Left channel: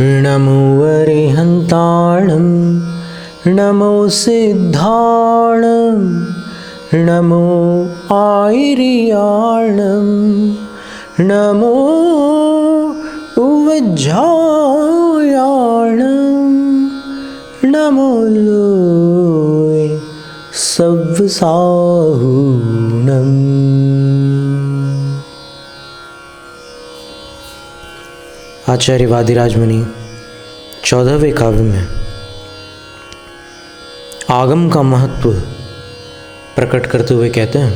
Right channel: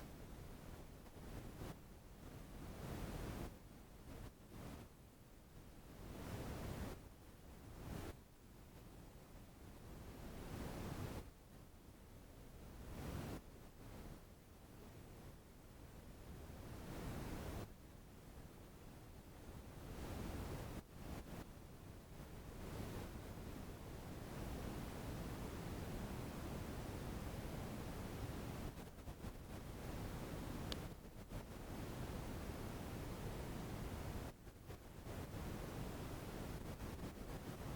नमो अरिहन्ताणं नमो सिद्धाणं नमो आयर्याणं नमो उवज्झायाणं नमो लोय सव्वसाहूणम्। आचार्य वादिराज मुनि 14वें काव्य में आगम का महत्व प्रकट करते हुए कहते हैं,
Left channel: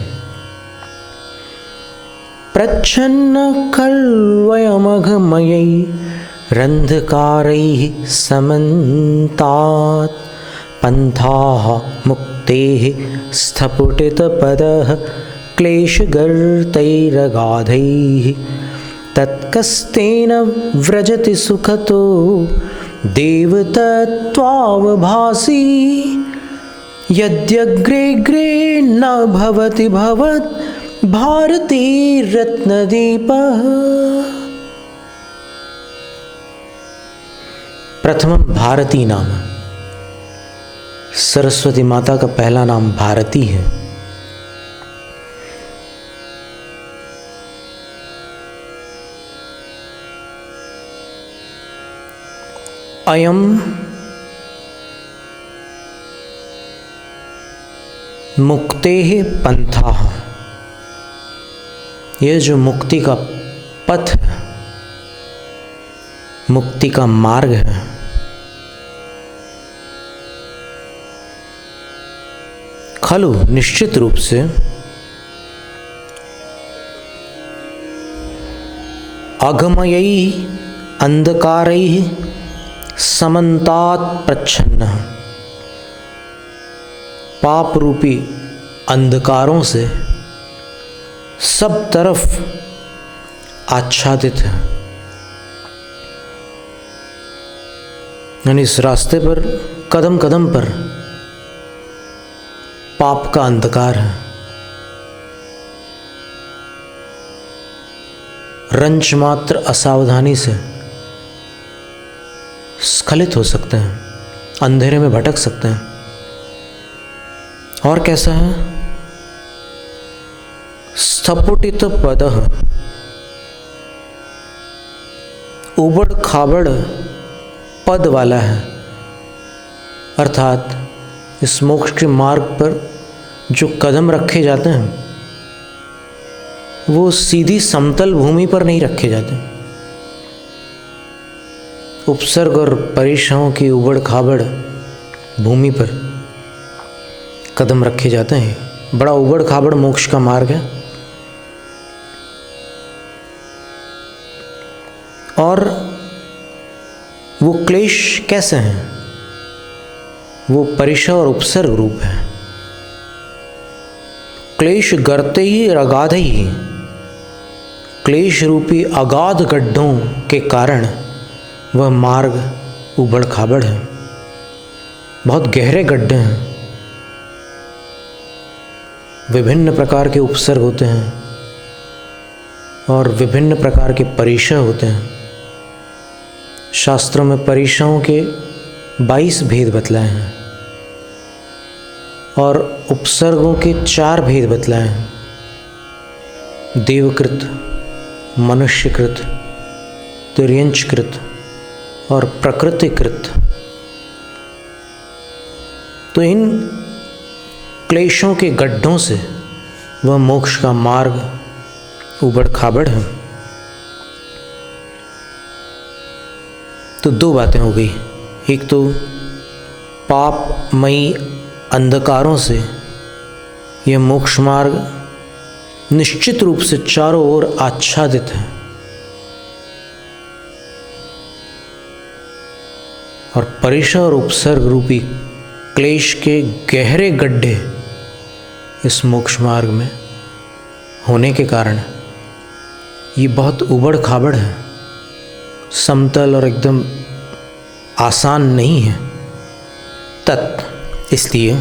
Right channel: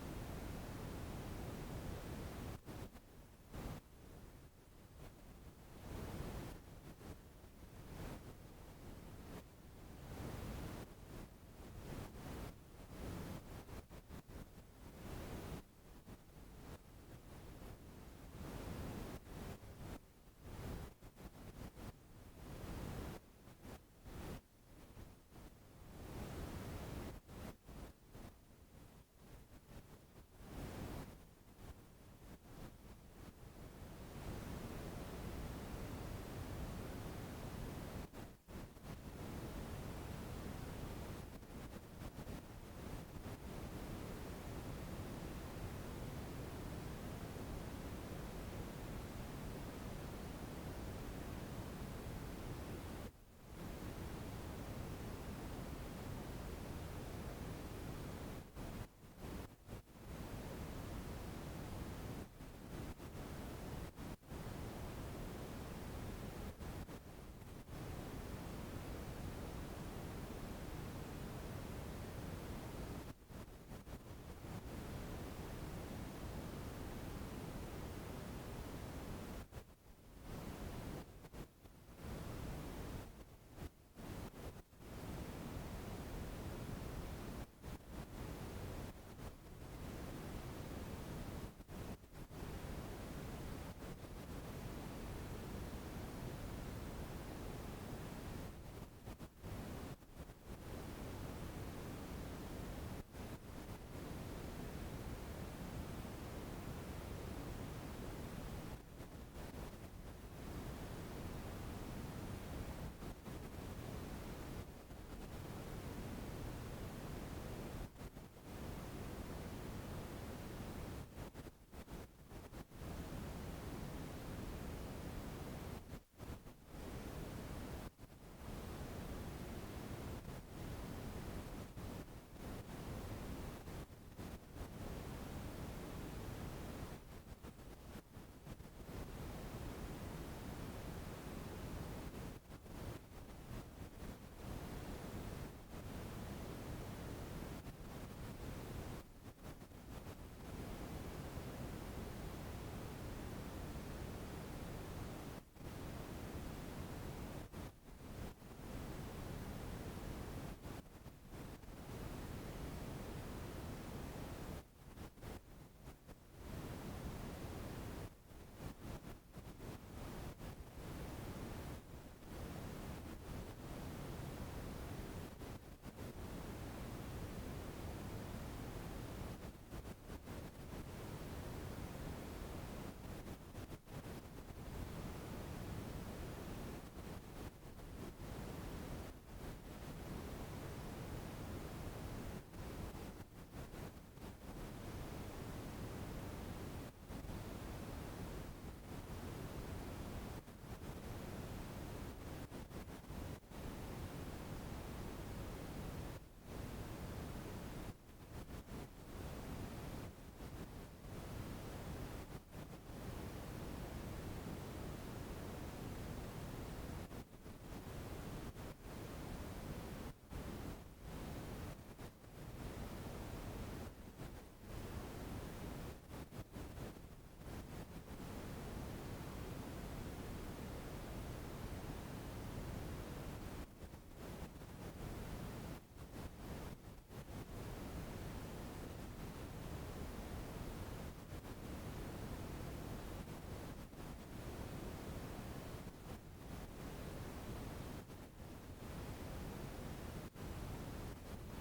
प्रच्छन्न खल्वयमघमयै रन्धकारैः समन्तात् पन्थाः मुक्तेः स्थपुटितपदः क्लेशगर्तैरगाधैः तत्कस्तेन व्रजति सुखतो देवतत्त्वावभासी यद्यग्रेग्रे न भवति भवत् भारती रत्नदीपः। प्रथमम भारती नाम, सरस्वती माता का पहला नाम भारती है। अयम मुक्तेः पंथाः, यह जो मुक्ति का पथ है, मुक्ति का मार्ग है, खलु निश्चित रूप से अगमयै अंधकारैः समन्तात् प्रच्छन्न, पाप रूपी अंधकारों से सब तरफ आच्छादित है। यानी इस रास्ते पर कदम कदम पर पाप का अंधकार है। रंच मात्र असावधानी से स्खलित हो सकते हैं, अंधेरे में भटक सकते हैं। और कैसा है? स्थपुटित पदः, उबड़ खाबड़ पद वाला है, अर्थात इस मोक्ष के मार्ग पर जो कदम रखे जाते हैं वो सीधी समतल भूमि पर नहीं रखे जाते। उपसर्ग और परीक्षाओं की उबड़ खाबड़ भूमि पर कदम रखे जाते हैं। बड़ा उबड़ खाबड़ मोक्ष का मार्ग है। और वो क्लेश कैसे हैं? वो परिषा और उपसर्ग रूप है। क्लेश गर्ते ही अगाध ही, क्लेश रूपी अगाध गड्ढों के कारण वह मार्ग उबड़ खाबड़ है, बहुत गहरे गड्ढे हैं। विभिन्न प्रकार के उपसर्ग होते हैं और विभिन्न प्रकार के परिषय होते हैं। शास्त्रों में परिषयों के 22 भेद बतलाए हैं और उपसर्गों के 4 भेद बतलाए हैं, देवकृत, मनुष्यकृत, तिर्यंचकृत और प्रकृतिकृत। तो इन क्लेशों के गड्ढों से वह मोक्ष का मार्ग उबड़ खाबड़ है। तो 2 बातें हो गई। एक तो पापमयी अंधकारों से यह मोक्ष मार्ग निश्चित रूप से चारों ओर आच्छादित है, और परिषा और उपसर्ग रूपी क्लेश के गहरे गड्ढे इस मोक्ष मार्ग में होने के कारण ये बहुत उबड़ खाबड़ है, समतल और एकदम आसान नहीं है। इसलिए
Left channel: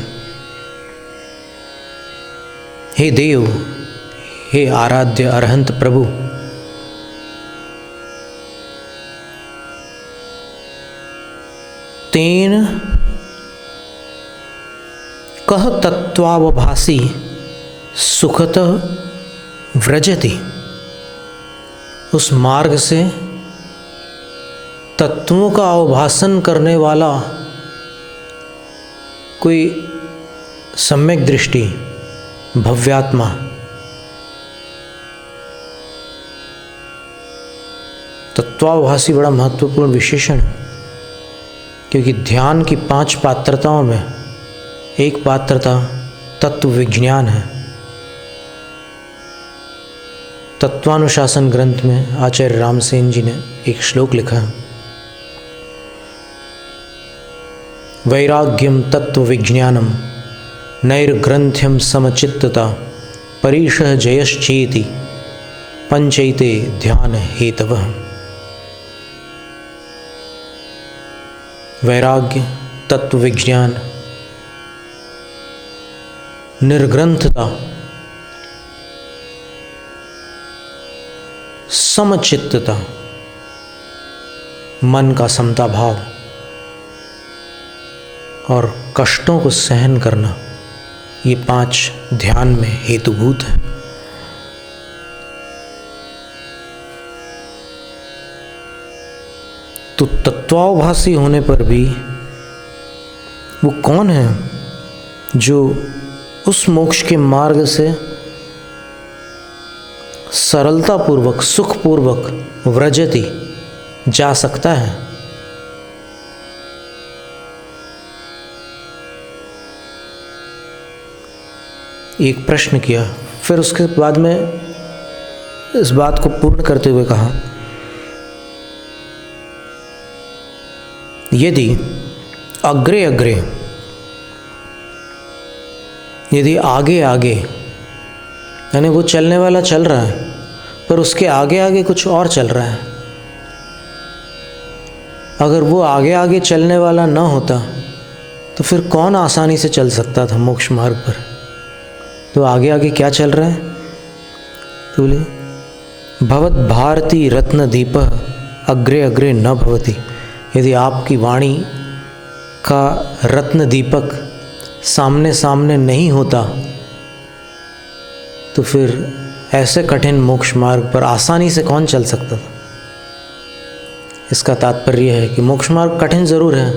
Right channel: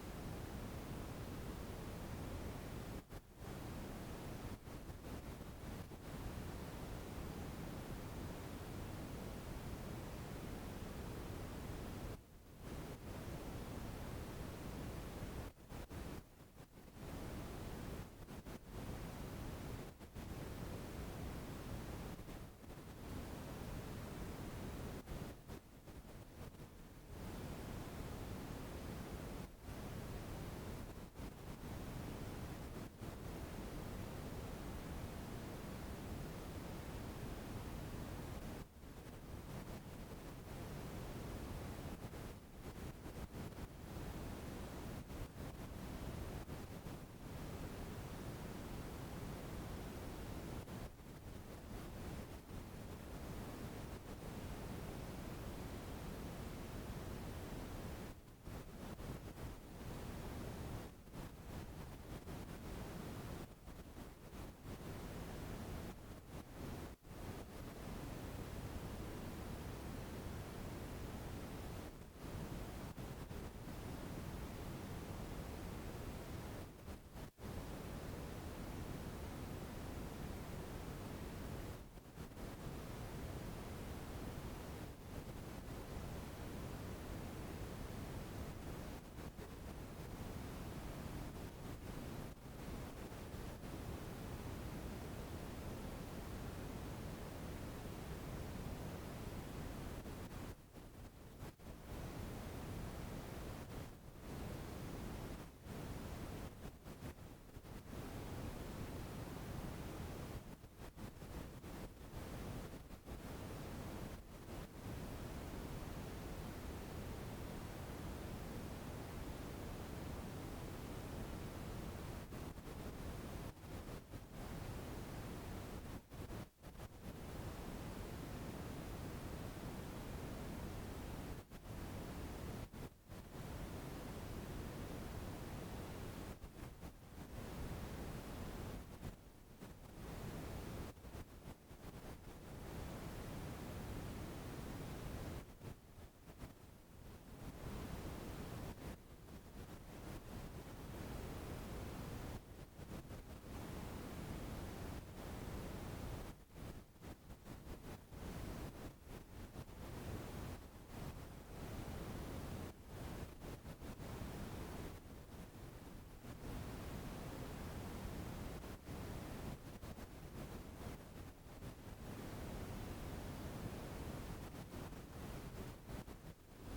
हे देव, हे आराध्य अरहंत प्रभु, तेन कह तत्वावभासी सुखतः व्रजति। उस मार्ग से तत्वों का अवभासन करने वाला कोई सम्यक दृष्टि भव्यात्मा तत्वावभासी बड़ा महत्वपूर्ण विशेषण है, क्योंकि ध्यान की 5 पात्रताओं में एक पात्रता तत्व विज्ञान है। तत्वानुशासन ग्रंथ में आचार्य रामसेन जी ने एक श्लोक लिखा है, वैराग्यम तत्व विज्ञानम नैर्ग्रंथ्यम समचित्तता परीशः जयश्चेति पंचैते ध्यान हेतवः। वैराग्य, तत्व विज्ञान, निर्ग्रंथता, समचित्तता, मन का समता भाव और कष्टों को सहन करना, ये 5 ध्यान में हेतुभूत है। तो तत्वावभासी होने पर भी वो कौन है जो उस मोक्ष के मार्ग से सरलतापूर्वक सुखपूर्वक व्रजति जा सकता है? एक प्रश्न किया, फिर उसके बाद में इस बात को पूर्ण करते हुए कहा, यदि अग्रे अग्रे, यदि आगे आगे, यानी वो चलने वाला चल रहा है पर उसके आगे आगे कुछ और चल रहा है, अगर वो आगे आगे चलने वाला ना होता तो फिर कौन आसानी से चल सकता था मोक्ष मार्ग पर? तो आगे आगे क्या चल रहा है? तो बोले भवत भारती रत्न दीप अग्रे अग्रे न भवति। यदि आपकी वाणी का रत्न दीपक सामने सामने नहीं होता तो फिर ऐसे कठिन मोक्ष मार्ग पर आसानी से कौन चल सकता था? इसका तात्पर्य है कि मोक्ष मार्ग कठिन ज़रूर है,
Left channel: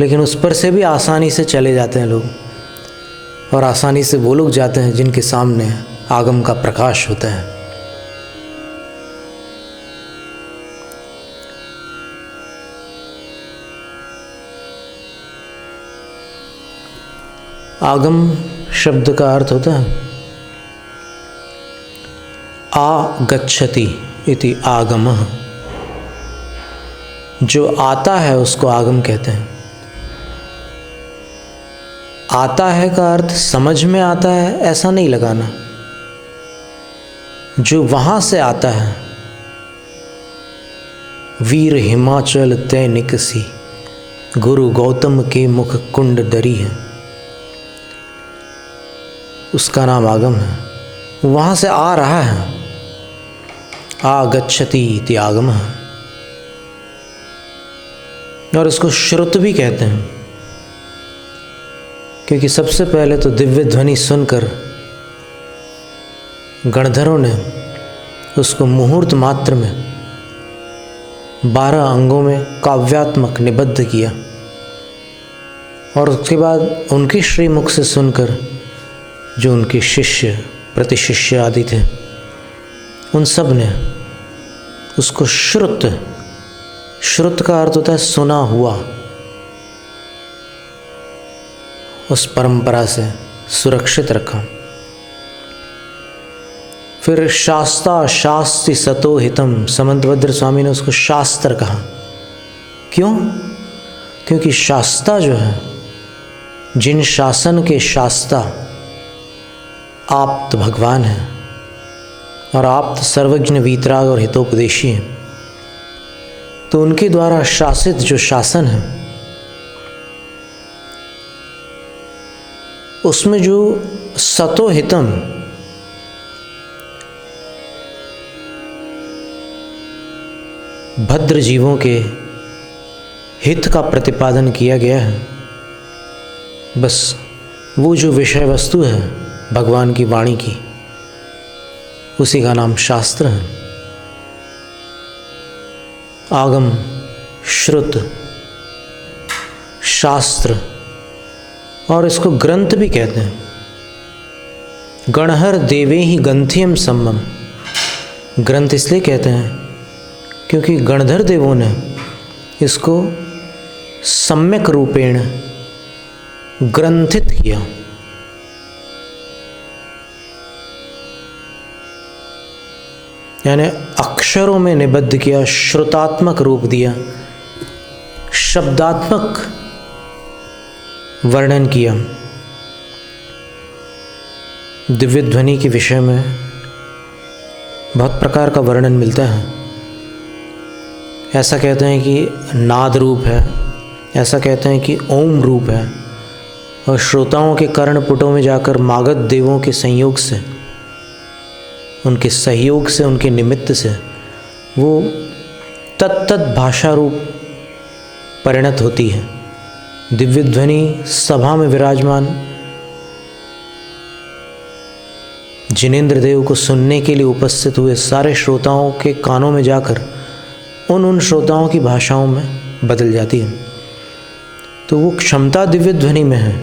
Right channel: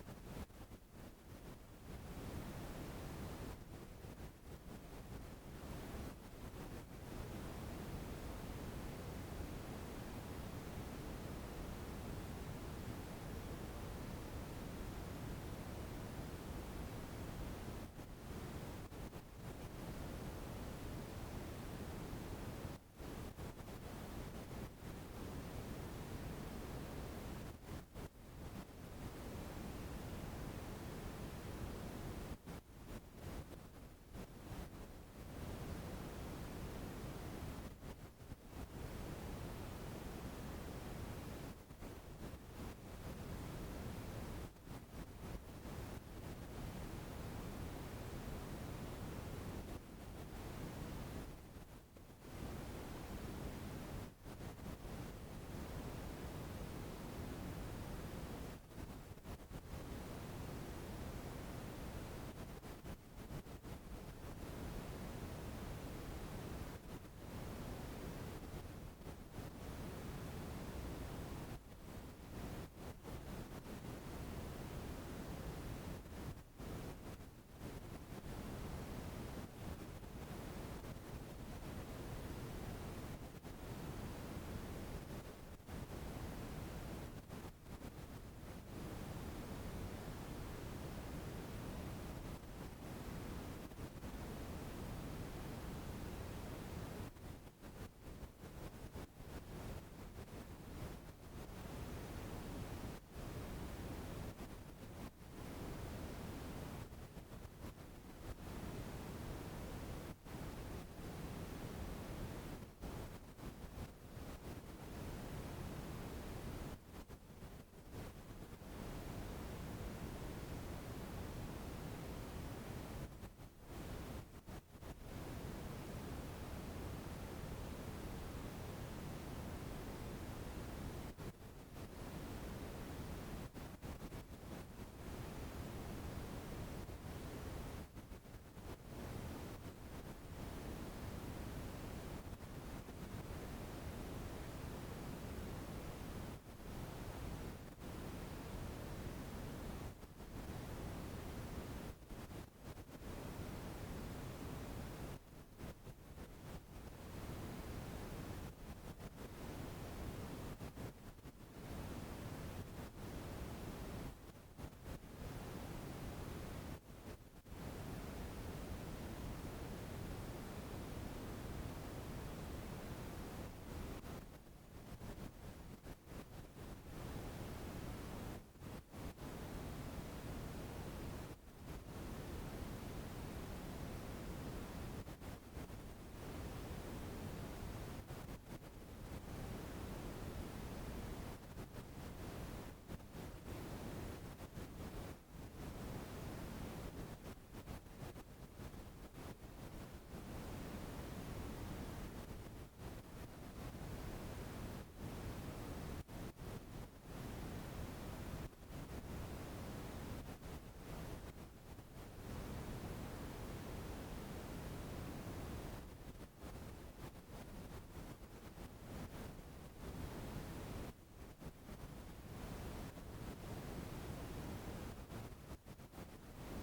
लेकिन उस पर से भी आसानी से चले जाते हैं लोग, और आसानी से वो लोग जाते हैं जिनके सामने आगम का प्रकाश होता है। आगम शब्द का अर्थ होता है आगच्छति इति आगमः। जो आता है उसको आगम कहते हैं। आता है का अर्थ समझ में आता है ऐसा नहीं लगाना, जो वहां से आता है। वीर हिमाचल तय निकसी, गुरु गौतम के मुख कुंड दरी है, उसका नाम आगम है। वहां से आ रहा है, आगच्छति इति आगमः। और इसको श्रुत भी कहते हैं, क्योंकि सबसे पहले तो दिव्य ध्वनि सुनकर गणधरों ने उसको मुहूर्त मात्र में 12 अंगों में काव्यात्मक निबद्ध किया, और उसके बाद उनकी श्रीमुख से सुनकर जो उनके शिष्य प्रतिशिष्य आदि थे, उन सब ने उसको श्रुत, श्रुत का अर्थ होता है सुना हुआ, उस परंपरा से सुरक्षित रखा। फिर शास्ता शास्ति सतो हितम, समंतभद्र स्वामी ने उसको शास्त्र कहा। क्यों? क्योंकि शास्ता जो है, जिन शासन के शास्ता आप्त भगवान है, और आप्त सर्वज्ञ वीतराग और हितोपदेशी हैं, तो उनके द्वारा शासित जो शासन है उसमें जो सतो हितम, भद्र जीवों के हित का प्रतिपादन किया गया है। बस वो जो विषय वस्तु है भगवान की वाणी की, उसी का नाम शास्त्र है। आगम, श्रुत, शास्त्र, और इसको ग्रंथ भी कहते हैं। गणहर देवे ही ग्रंथियम सम्मम, ग्रंथ इसलिए कहते हैं क्योंकि गणधर देवों ने इसको सम्यक रूपेण ग्रंथित किया। यानी अक्षरों में निबद्ध किया, श्रुतात्मक रूप दिया, शब्दात्मक वर्णन किया। दिव्य ध्वनि के विषय में बहुत प्रकार का वर्णन मिलता है। ऐसा कहते हैं कि नाद रूप है, ऐसा कहते हैं कि ओम रूप है, और श्रोताओं के कर्णपुटों में जाकर मागध देवों के संयोग से, उनके सहयोग से, उनके निमित्त से वो तत्त भाषा रूप परिणत होती है। दिव्य ध्वनि सभा में विराजमान जिनेंद्र देव को सुनने के लिए उपस्थित हुए सारे श्रोताओं के कानों में जाकर उन श्रोताओं की भाषाओं में बदल जाती है। तो वो क्षमता दिव्य ध्वनि में है,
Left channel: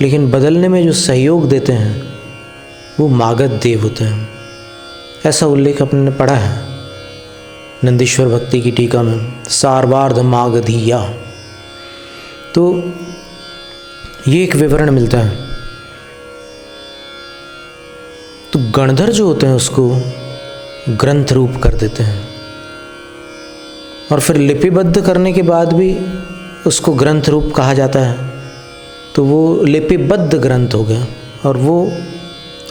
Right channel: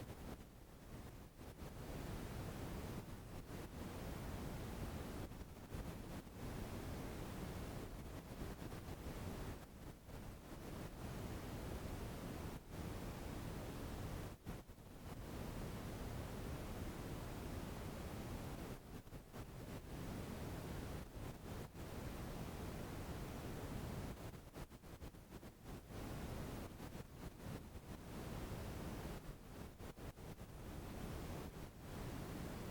लेकिन बदलने में जो सहयोग देते हैं वो मागध देव होते हैं। ऐसा उल्लेख अपने पढ़ा है नंदीश्वर भक्ति की टीका में, सार्वार्ध मागधीया। तो ये एक विवरण मिलता है। तो गणधर जो होते हैं उसको ग्रंथ रूप कर देते हैं, और फिर लिपिबद्ध करने के बाद भी उसको ग्रंथ रूप कहा जाता है। तो वो लिपिबद्ध ग्रंथ हो गया, और वो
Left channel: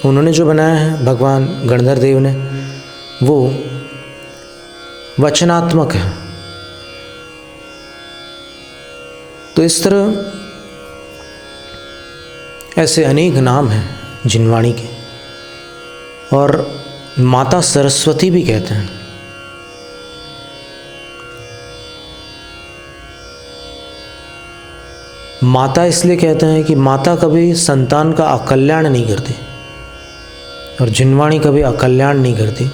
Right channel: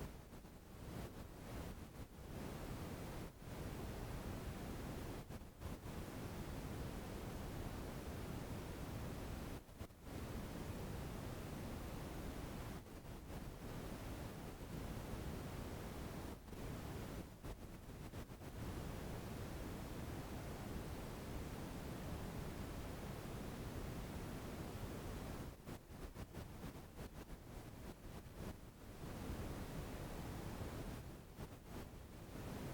उन्होंने जो बनाया है भगवान गणधर देव ने, वो वचनात्मक है। तो इस तरह ऐसे अनेक नाम हैं जिनवाणी के, और माता सरस्वती भी कहते हैं। माता इसलिए कहते हैं कि माता कभी संतान का अकल्याण नहीं करती, और जिनवाणी कभी अकल्याण नहीं करती।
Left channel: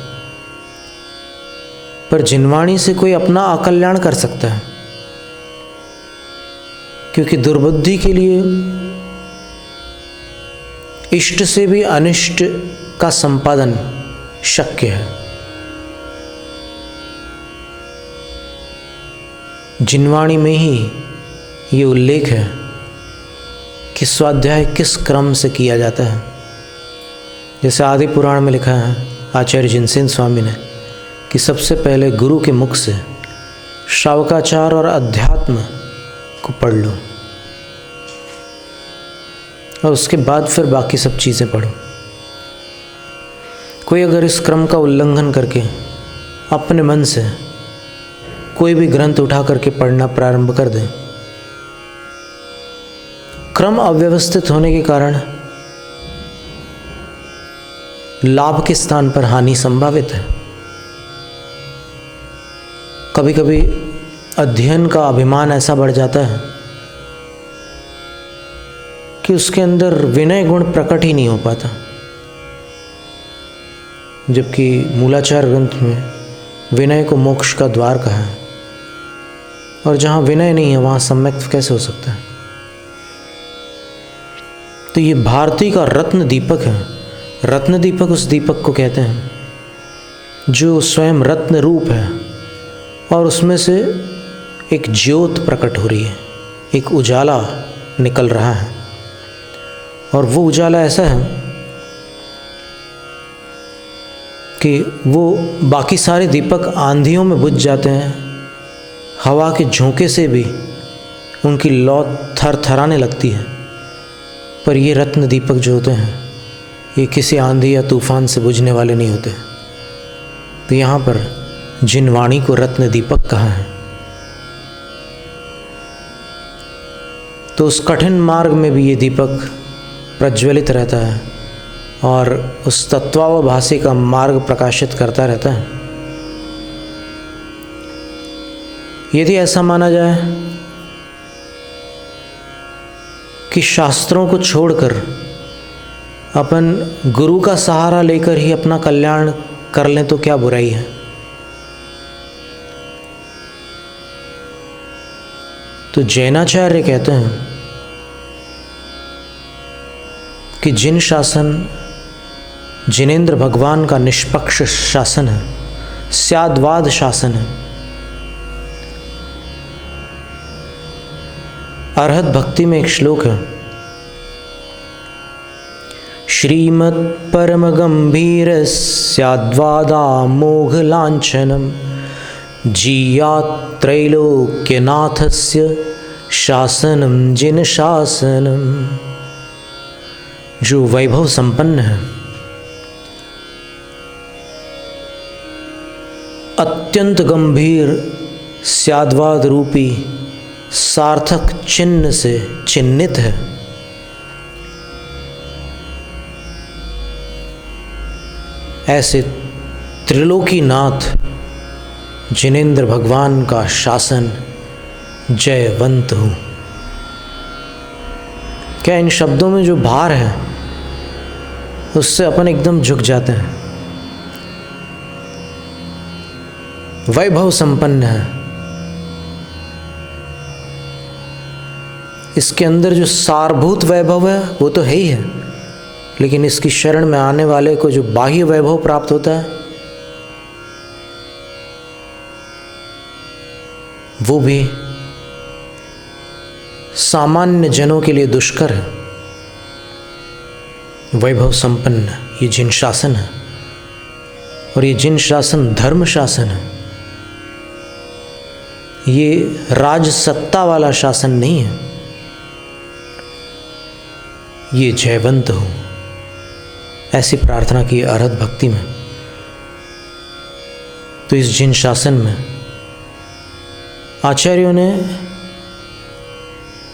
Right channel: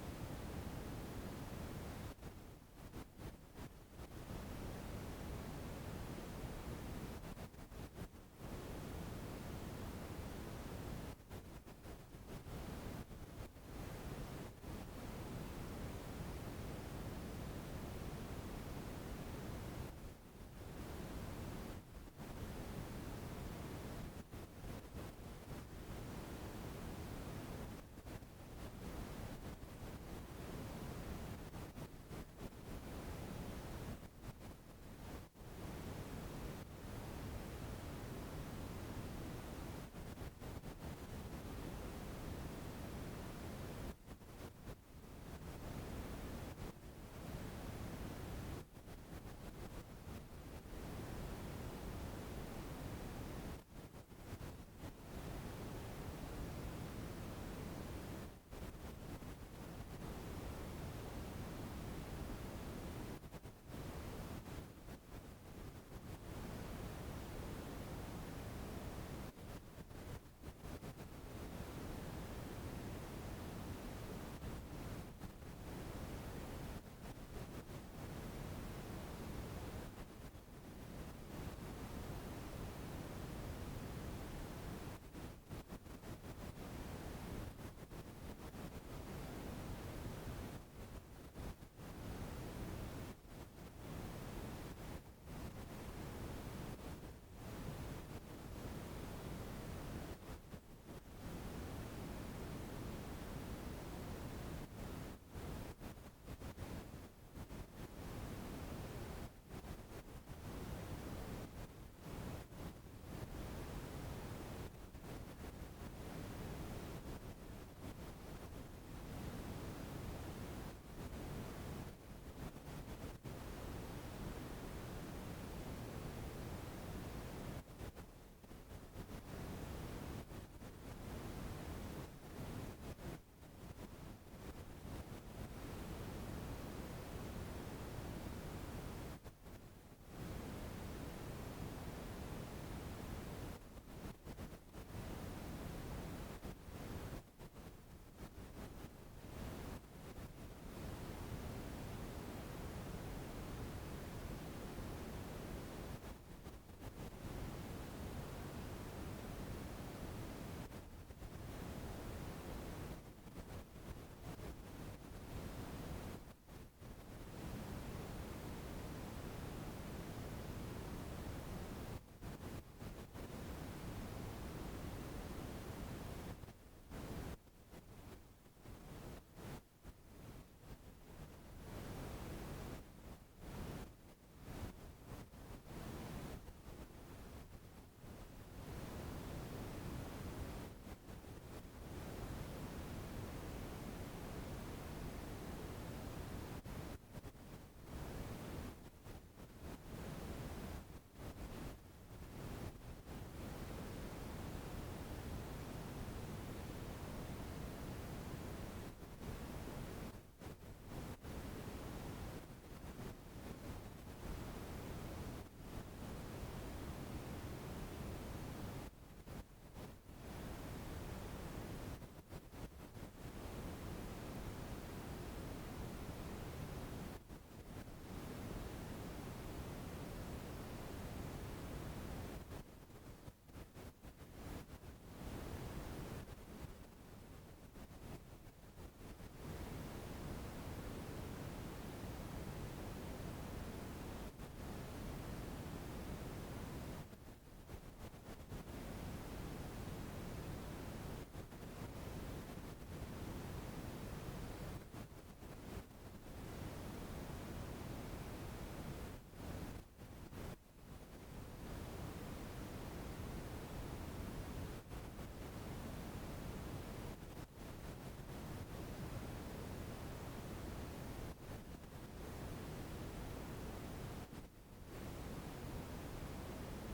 पर जिनवाणी से कोई अपना अकल्याण कर सकता है, क्योंकि दुर्बुद्धि के लिए इष्ट से भी अनिष्ट का संपादन शक्य है। जिनवाणी में ही ये उल्लेख है कि स्वाध्याय किस क्रम से किया जाता है। जैसे आदि पुराण में लिखा है आचार्य जिनसेन स्वामी ने कि सबसे पहले गुरु के मुख से श्रावकाचार और अध्यात्म को पढ़ लो, और उसके बाद फिर बाकी सब चीज़ें पढ़ो। कोई अगर इस क्रम का उल्लंघन करके अपने मन से कोई भी ग्रंथ उठा करके पढ़ना प्रारंभ कर दे, क्रम अव्यवस्थित होने के कारण लाभ के स्थान पर हानि संभावित है। कभी कभी अध्ययन का अभिमान ऐसा बढ़ जाता है कि उसके अंदर विनय गुण प्रकट ही नहीं हो पाता, जबकि मूलाचार ग्रंथ में विनय को मोक्ष का द्वार कहा है, और जहाँ विनय नहीं है वहाँ सम्यक कैसे हो सकता है। तो ये भारती का रत्न दीपक है। रत्न दीपक उस दीपक को कहते हैं जो स्वयं रत्न रूप है, और उसमें से एक ज्योत प्रकट हो रही है, एक उजाला निकल रहा है। और वो उजाला ऐसा है कि वो बाकी सारे दीपक आंधियों में बुझ जाते हैं, हवा के झोंके से भी उनकी लौ थरथराने लगती है। पर ये रत्न दीपक जो होते हैं ये किसी आंधी या तूफान से बुझने वाले नहीं होते। तो यहाँ पर जिनवाणी को रत्न दीपक कहा है। तो उस कठिन मार्ग में भी ये दीपक प्रज्वलित रहता है और उस तत्वावभासी का मार्ग प्रकाशित करता रहता है। यदि ऐसा माना जाए कि शास्त्रों को छोड़कर अपन गुरु का सहारा लेकर ही अपना कल्याण कर लें तो क्या बुराई है। तो जैनाचार्य कहते हैं कि जिन शासन जिनेंद्र भगवान का निष्पक्ष शासन है, स्याद्वाद शासन है, अरहत भक्ति में एक श्लोक है, श्रीमत् परम गंभीर स्याद्वादा मोघ लांछनम जीयात् त्रैलोक्यनाथस्य शासनम जिन शासनम। जो वैभव संपन्न है, अत्यंत गंभीर स्याद्वाद रूपी सार्थक चिन्ह से चिन्हित है, ऐसे त्रिलोकीनाथ जिनेंद्र भगवान का शासन जयवंत हूँ। क्या इन शब्दों में जो भार है उससे अपन एकदम झुक जाते हैं। वैभव संपन्न है, इसके अंदर जो सारभूत वैभव है वो तो है ही है, लेकिन इसकी शरण में आने वाले को जो बाह्य वैभव प्राप्त होता है वो भी सामान्य जनों के लिए दुष्कर है। वैभव संपन्न ये जिन शासन है, और ये जिन शासन धर्म शासन है, ये राज सत्ता वाला शासन नहीं है, ये जयवंत हो, ऐसी प्रार्थना की अरहत भक्ति में। तो इस जिन शासन में आचार्यों ने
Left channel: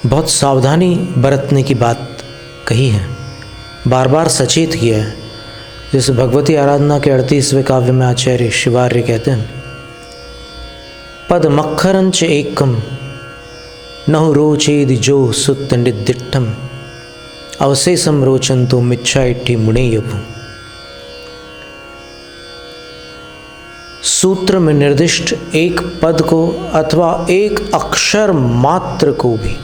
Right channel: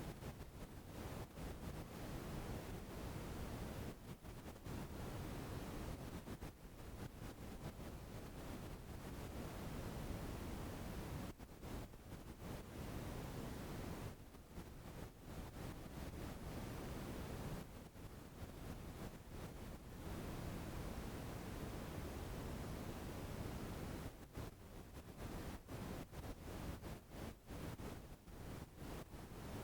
बहुत सावधानी बरतने की बात कही है, बार बार सचेत किया है। जैसे भगवती आराधना के 38वें काव्य में आचार्य शिवार्य कहते हैं, पद मक्खरंच एकम नहु रोचेद जो सुत निर्दिष्टम अवशेषम रोचंतो मिच्छाइट्ठी मुणेयपु। सूत्र में निर्दिष्ट एक पद को अथवा एक अक्षर मात्र को भी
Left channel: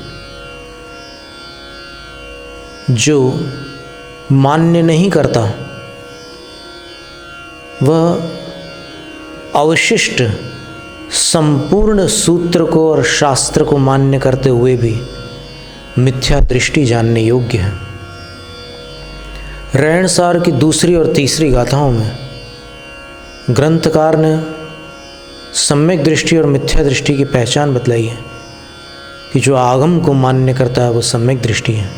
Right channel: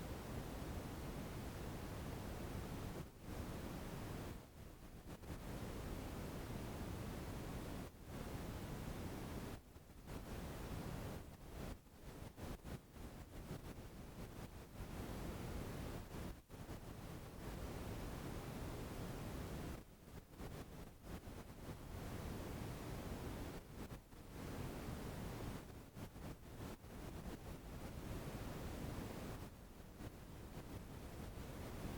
जो मान्य नहीं करता, वह अवशिष्ट संपूर्ण सूत्र को और शास्त्र को मान्य करते हुए भी मिथ्या दृष्टि जानने योग्य है। रहणसार की दूसरी और तीसरी गाथाओं में ग्रंथकार ने सम्यक दृष्टि और मिथ्या दृष्टि की पहचान बतलाई है कि जो आगम को मान्य करता है वो सम्यक दृष्टि है,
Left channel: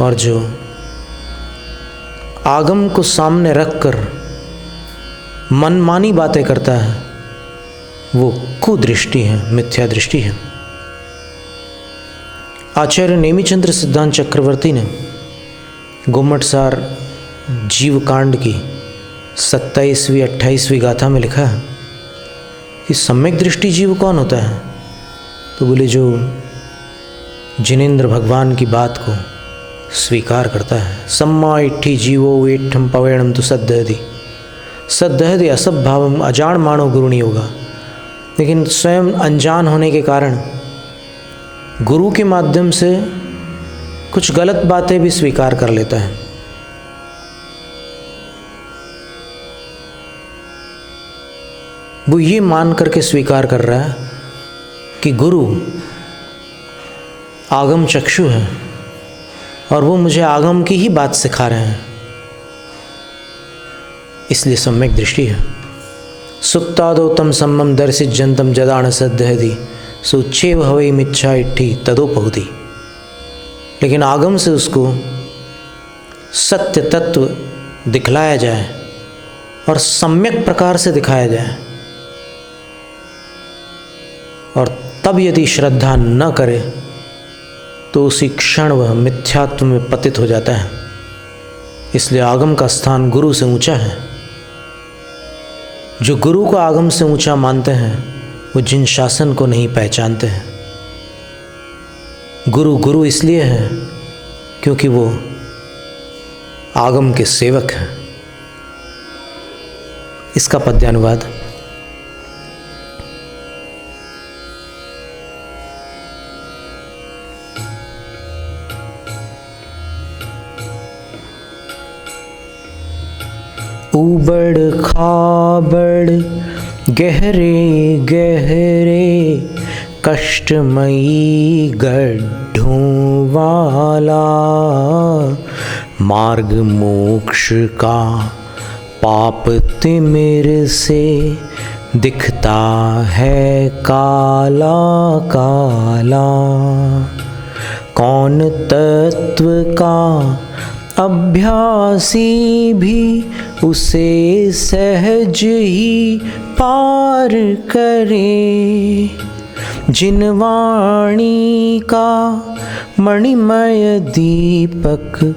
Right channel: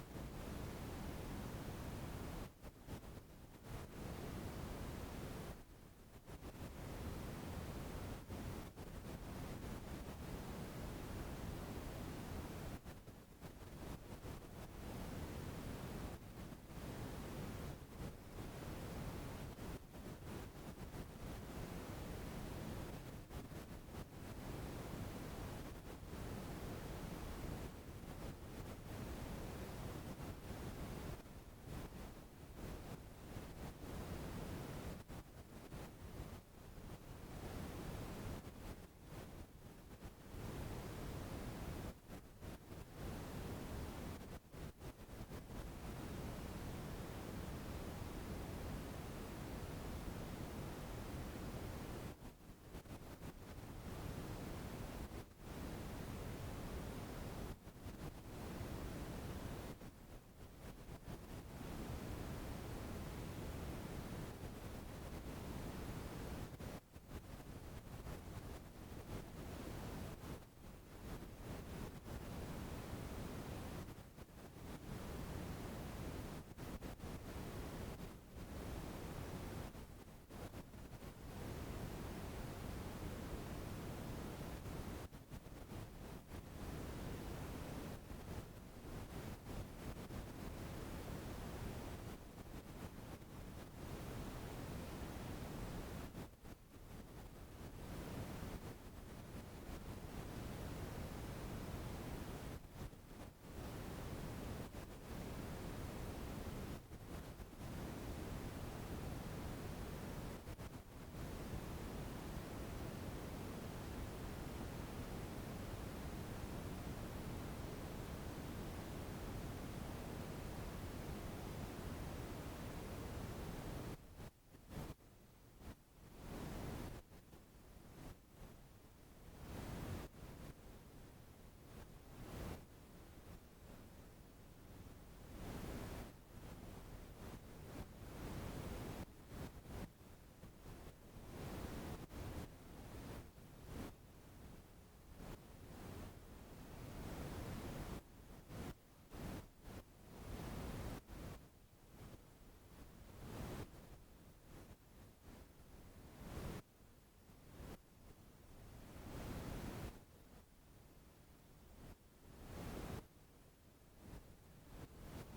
और जो आगम को सामने रखकर मनमानी बातें करता है वो कुदृष्टि है, मिथ्या दृष्टि है। आचार्य नेमिचंद्र सिद्धांत चक्रवर्ती ने गुम्मटसार जीवकांड की 27वीं 28वीं गाथा में लिखा है कि सम्यक दृष्टि जीव कौन होता है। तो बोले जो जिनेंद्र भगवान की बात को स्वीकार करता है। सम्मा इट्ठी जीवो वेठम पवेणम तो सद्धहदि असभ भावम अजान मानो गुरुणी होगा। लेकिन स्वयं अनजान होने के कारण गुरु के माध्यम से कुछ गलत बातें भी स्वीकार कर लेता है। वो ये मान करके स्वीकार कर रहा है कि गुरु आगम चक्षु है और वो मुझे आगम की ही बात सिखा रहे हैं, इसलिए सम्यक दृष्टि है। सुप्तादो तम सम्मम दर्शित जंतम जदान सद्धहदि सुच्छेव हवई मिच्छा इट्ठी तदोपहुति। लेकिन आगम से उसको सत्य तत्व दिखलाया जाए और सम्यक प्रकार से दिखाया जाए, और तब यदि श्रद्धा न करे तो उसी क्षण वह मिथ्यात्व में पतित हो जाता है। इसलिए आगम का स्थान गुरु से ऊंचा है। जो गुरु को आगम से ऊंचा मानते हैं वो जिन शासन को नहीं पहचानते हैं। गुरु गुरु इसलिए है क्योंकि वो आगम के सेवक हैं। इसका पद्यानुवाद। उबड़ खाबड़ गहरे गहरे कष्टमयी गड्ढों वाला मार्ग मोक्ष का पाप तिमिर से दिखता है काला काला। कौन तत्व का अभ्यासी भी उसे सहज ही पार करे। जिन वाणी का मणिमय दीपक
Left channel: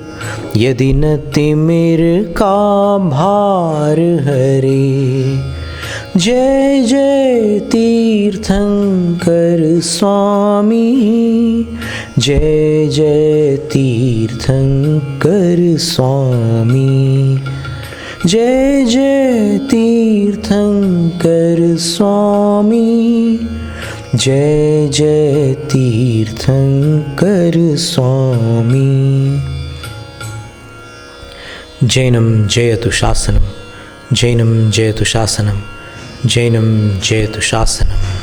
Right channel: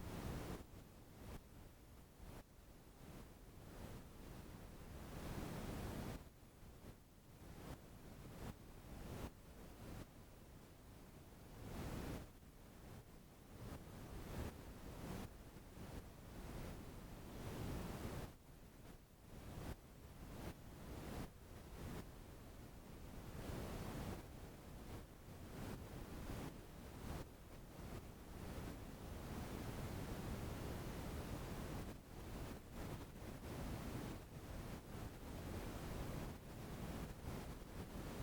यदि न तिमिर का भार हरे। जय जय तीर्थंकर स्वामी, जय जय तीर्थंकर स्वामी, जय जय तीर्थंकर स्वामी, जय जय तीर्थंकर स्वामी। जैनम जयतु शासनम, जैनम जयतु शासनम, जैनम जयतु शासनम।